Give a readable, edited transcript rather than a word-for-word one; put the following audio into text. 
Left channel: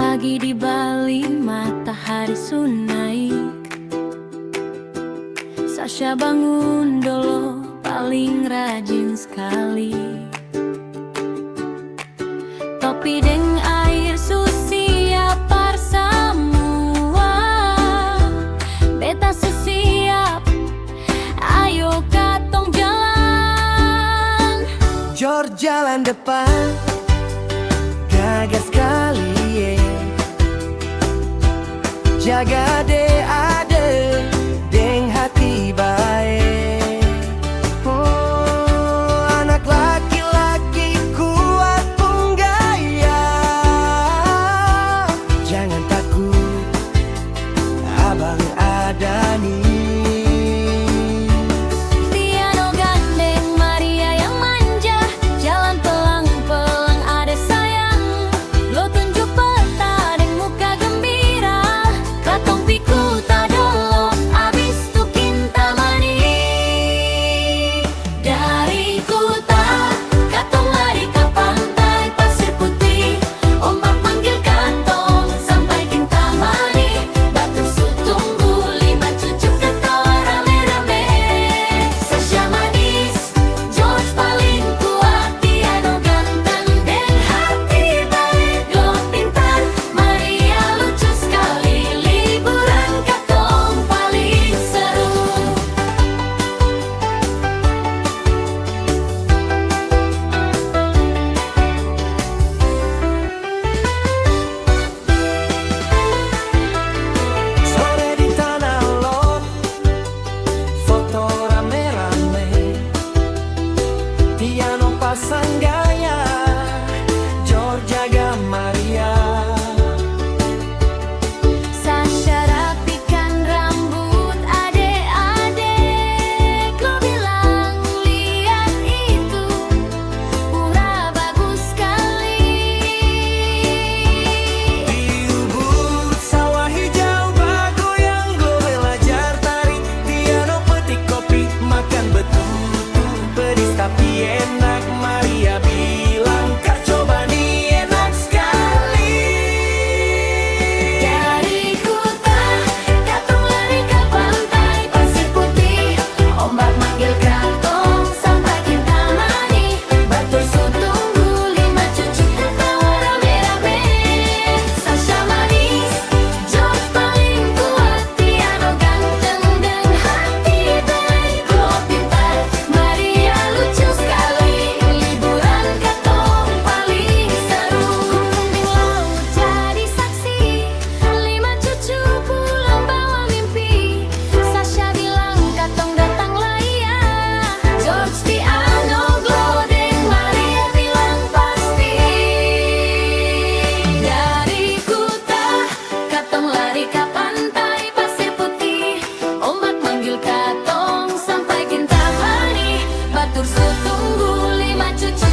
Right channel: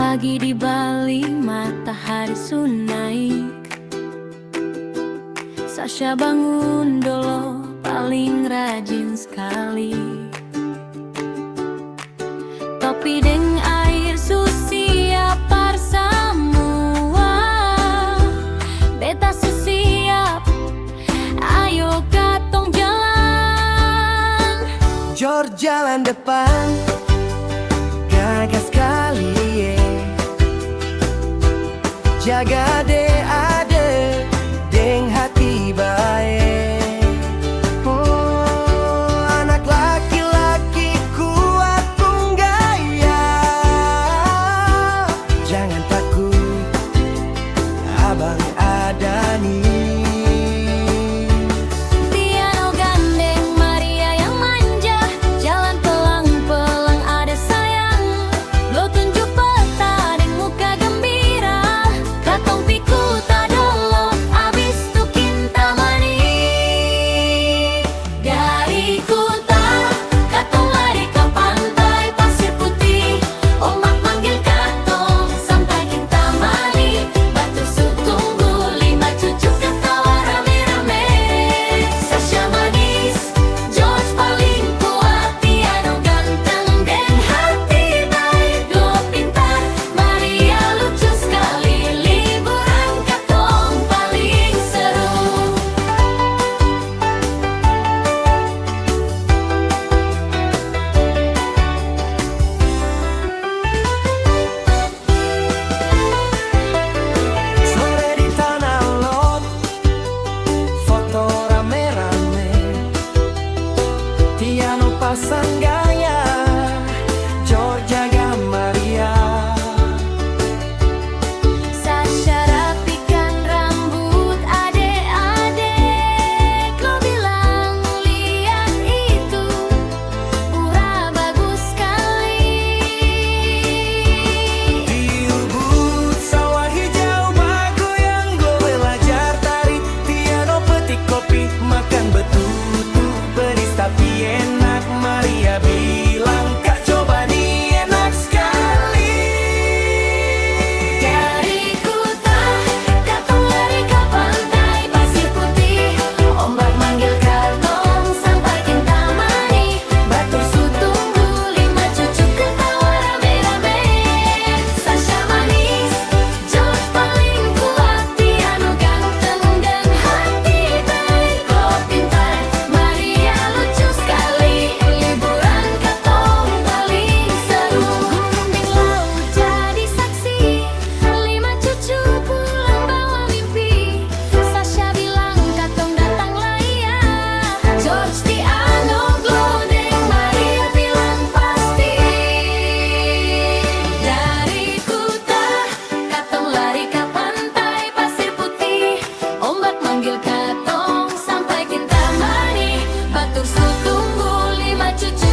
Pagi di Bali, matahari sunaik. Sasha bangun dolo, paling rajin sekali. Topi deng air susiap par semua. Beta susiap, ayo katong jalan. Jor jalan depan, gagas sekali jaga ade deng hati baik. Oh, anak laki-laki kuat pun gaya. Jangan takut, abang ada nih. Tiano gandeng Maria yang manja, jalan pelang-pelang ada sayang. Lo tunjuk peta deng muka gembira, katong piku tadolo abis tu kinta mani. Dari Kuta katong lari ke pantai pasir putih, ombak manggil katong sampai kinta mani. Batu Sutunggu, 5 cucu ketawa rame-rame. Sasha manis, George paling kuat, Tiano ganteng deng hati baik. Glo pintar, Maria lucu sekali, liburan katong paling seru. Sore di Tanah Lot, foto rame-rame. Tiano pasang gaya, Jor jaga Maria. Sasha rapikan rambut adek-adek. Lo bilang lihat itu, pura bagus sekali. Di Ubud sawah hijau bagoyang, Glo belajar tari. Tiano petik kopi, makan betutu, pedis tapi enak. Maria bilang, kak coba nih enak sekali. Dari Kuta katong lari ke pantai pasir putih, ombak manggil katong sampai kinta mani. Batur Sutunggu, 5 cucu ketawa rame-rame. Sasha manis, George paling kuat, Tiano ganteng deng hati baik. Glo pintar, Maria lucu sekali, liburan katong paling seru. Gunung deng laut jadi saksi, 5 cucu pulang bawa mimpi. Sasha bilang katong datanglah iya, George, Tiano, Glo deng Maria bilang pasti. Dari Kuta katong lari ke pantai pasir putih, ombak manggil katong sampai kinta mani. Batur Sutunggu, 5 cucu